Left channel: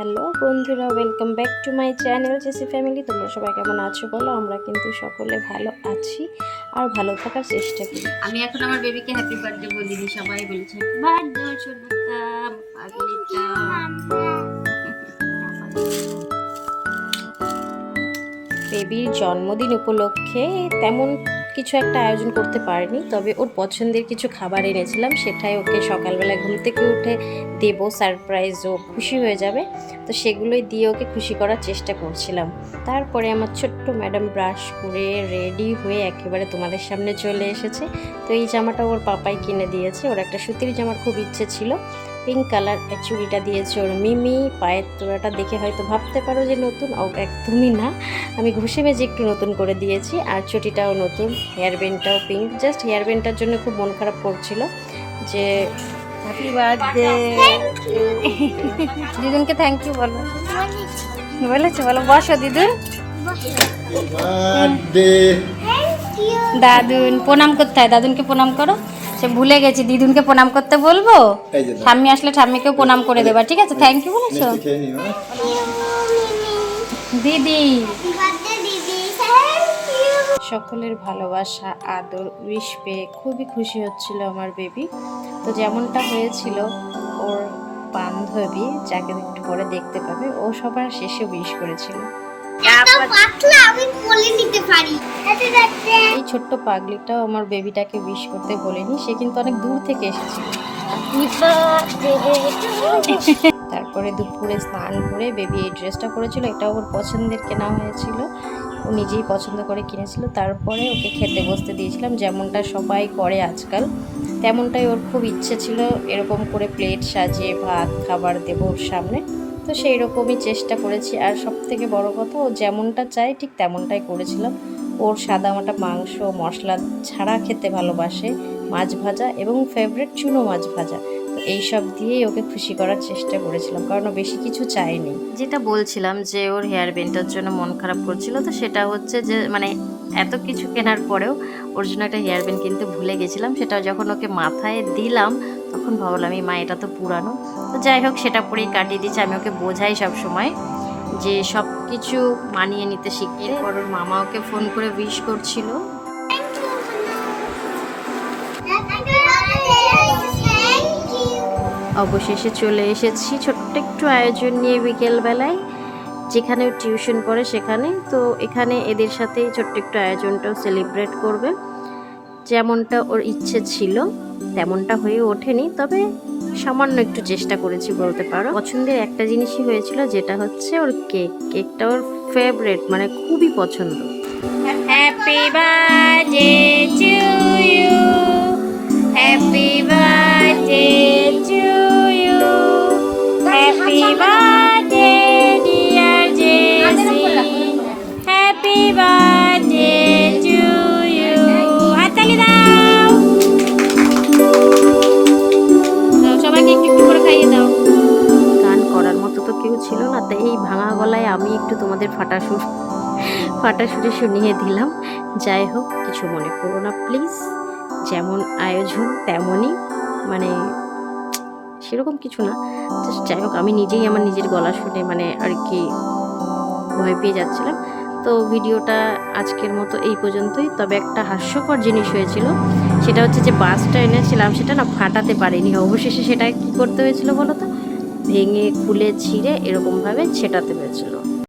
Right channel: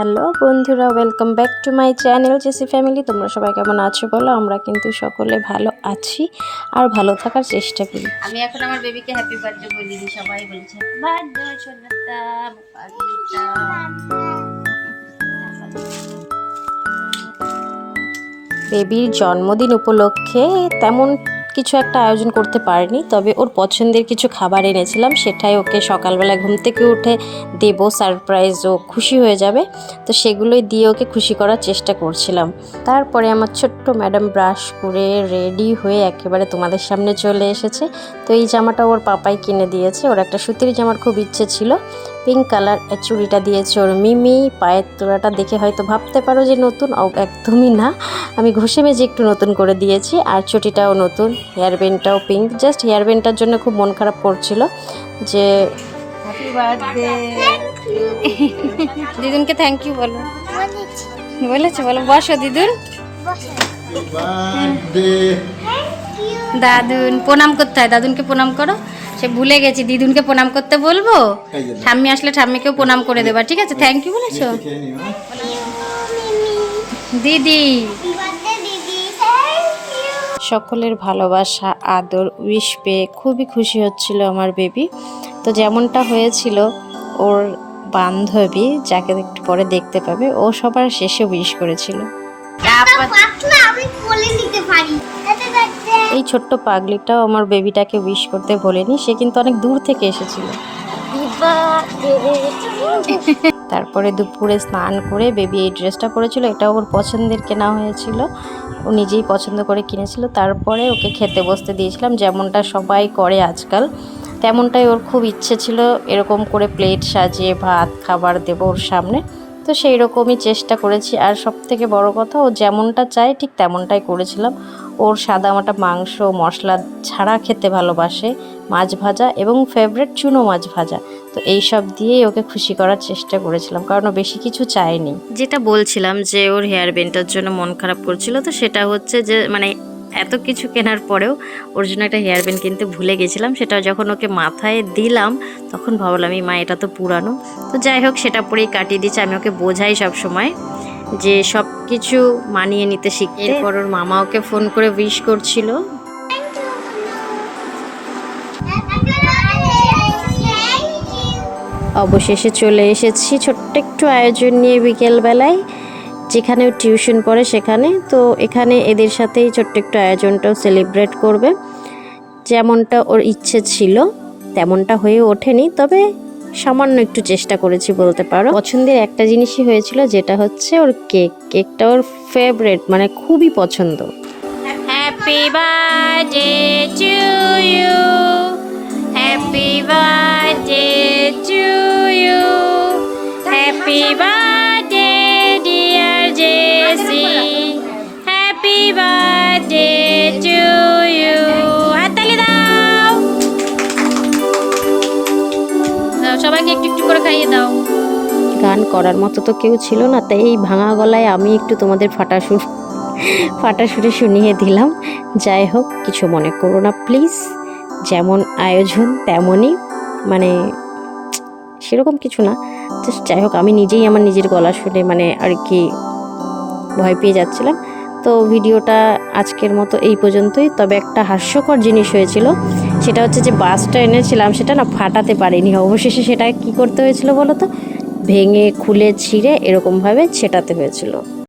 Hello বন্ধুরা welcome back to my channel JC family তোমরা সবাই কেমন আছো বলো? আমরা কিন্তু সকলে ভালো আছি আর ভালো থাকার চেষ্টা করি। আমি এখন আমার বেবিকে হ্যাপি বার্থডে বলিনি সবাই বলছে বার্থডে বেবির জন্মদিন উপলক্ষে তেমন কিছু একটা আয়োজন করতে পারিনি, তবে ওর পছন্দের কিছু খাবার এনেছিলাম, সেটাই ওকে সকালবেলা ঘুম থেকে উঠে দেবো সারপ্রাইজ ও খুশি হয়ে যাবে। তো সেগুলোই দিয়ে ওকে খুশি করার চেষ্টা করছিলাম। তারপরে আমার ছোট্ট ম্যাডাম ব্রাশ করে রেডি হয়ে একেবারে তোমাদের সামনে চলে এসেছে। তো এই জামাটা ওর পাপাই কিনে দিয়েছে, ওর একটা সুতির জামার খুব ইচ্ছে ছিল। পিঙ্ক কালার চুড়িটা দিয়েছে ওর মিমি। পায়ের তোড়াটা দেখে হয়তো ভাবতে পারো যে নতুন। ও একদমই না। আমি ঘষে মেজে একটু নতুন করে দিয়েছি। আর চটিটাও নতুন। হেয়ার ব্যান্ডটাও পিঙ্ক। জাস্ট হেয়ার ব্যান্ডটার জন্য খুব মন খারাপ করছিল যে হ্যাপি বার্থডে দিদুনকে থ্যাংক ইউ বলো। বলেছ। বলো। বসো দিদুন। birthday. দাদুন প্রণাম করতে হয়। দাদুনকে প্রণাম করো। সে ভুলে গেছি দিদুনকে প্রণাম করতে বলব? ঠাম্মি আসলে ঠাম্মিকেও প্রণাম করে দেবা। ঠিক আছে থ্যাংক ইউ বলেছ? হ্যাঁ? দিদি। সকলের ভালোবাসা আদর উইশ পেয়ে খুবই খুশি হচ্ছিল আমার বেবি তো যেমনটা হয়েছিল ওর বান্ধবী যাকে একটু পরে দেখতে পাবে ও সবার শেষে উইশ করেছিল। এই ছোট্ট পাগলিটাও আমার বেবিটাকে উইশ করতে বলেনি সে কিন্তু অনেক দূর থেকে এসেছিল। তারপরে দুপুরে স্নান করে বেবি এই ড্রেসটা পরেছিল এটা ওর পছন্দের কেনা হয়েছিল। ও নিজেই পছন্দ করে কিনেছিল তারপরে ওকে খেতে বসতে দিয়েছিলাম যেমনটা সবাই করে আজকাল। তেমনটাই ওর খুব ইচ্ছে ছিল এরকম করে প্লেট সাজিয়ে ভাত খাবার দেবো ওর সামনে। তো সেই রকমই চেষ্টা করেছি। আর সব থেকে বড় কথা, ও যেমনটা চায় ঠিক তেমনটাই করেছিলাম। ওর সাদা সাদামাটা মাংস, মশলা ছাড়া খেতে ভালোবাসে, মাছ ভাজা এবং ফেভারিট চুনো মাছ ভাজা। তো এই সব দিয়েই ওকে খুশি করার চেষ্টা করেছিলাম, কারণ ও বেশি কিছু চায়নি। যেটা বলছিলাম যে, ওর হেয়ার বেন্ডটার জন্য মন খারাপ করছিল, তো সেটা হচ্ছে যে মানে এত কিছু কেনার পরেও ওর জন্য একটা হেয়ার ব্যান্ড কিনতে ভুলে গেছিলাম, সেটা যখন ওকে মাথায় দিলাম, তখন ভাবলাম, এই মা, এটা তো পুরানো। তো যাই হোক, সেটা পরেই কাটিয়ে দিচ্ছে আমি ওকে বোঝাই সব সময় যে সব কিছু মানিয়ে নিতে শিখতে। এরপর ওর মামা ওকে ফোন করে উইশ করছিল। অবশেষে চলে এসেছি ছোট্ট একটু আয়োজন নিয়ে বিকেলবেলায়। যেখানে টিউশন পড়ে সেখানে, তো এখানে এদের সাথেই ছোট্ট একটু আয়োজনটাও সেলিব্রেট করবে। যেমনটা ওর ইচ্ছে ছিল, তেমনটা হয়ে ওঠেনি, তবে সামান্য একটু চেষ্টা করেছি বলতে পারো। পছন্দের একটা জিনিসই হয়েছিল, যেটা হচ্ছে ওর কেক। কেকটা ওর ফেভারেট মানে খুবই পছন্দ। Happy birthday to you happy birthday to you happy birthday করার মতো তো কেউ ছিল না, তাই এই ভাঙা গলায় আমি একটু তোমাদের ফাটা সুর ফাটা সুরে শুনিয়ে দিলাম। যাই হোক, কিছু মনে করো না প্লিজ। যেমন আয়োজন, তেমনই মানে সেরকম কিছু না। জাস্ট যাই হোক, আমি নিজেই আমার নিজের গলা শুনে মানে আর কি ভয় পেয়ে যাচ্ছিলাম। তো ভিডিওটা আজকের মতো এই পর্যন্তই। তবে একটা হাস্যকর জিনিস হয়েছিল, সেটা হচ্ছে যে বাসটা এনেছিলাম, সেটা না ফাটাতে পারিনি। অবশেষে সেটা কি করতে হয়েছিল বলো তো? ভেঙে খুলে ছিঁড়ে এরকমভাবে ছেটাতে হয়েছিল।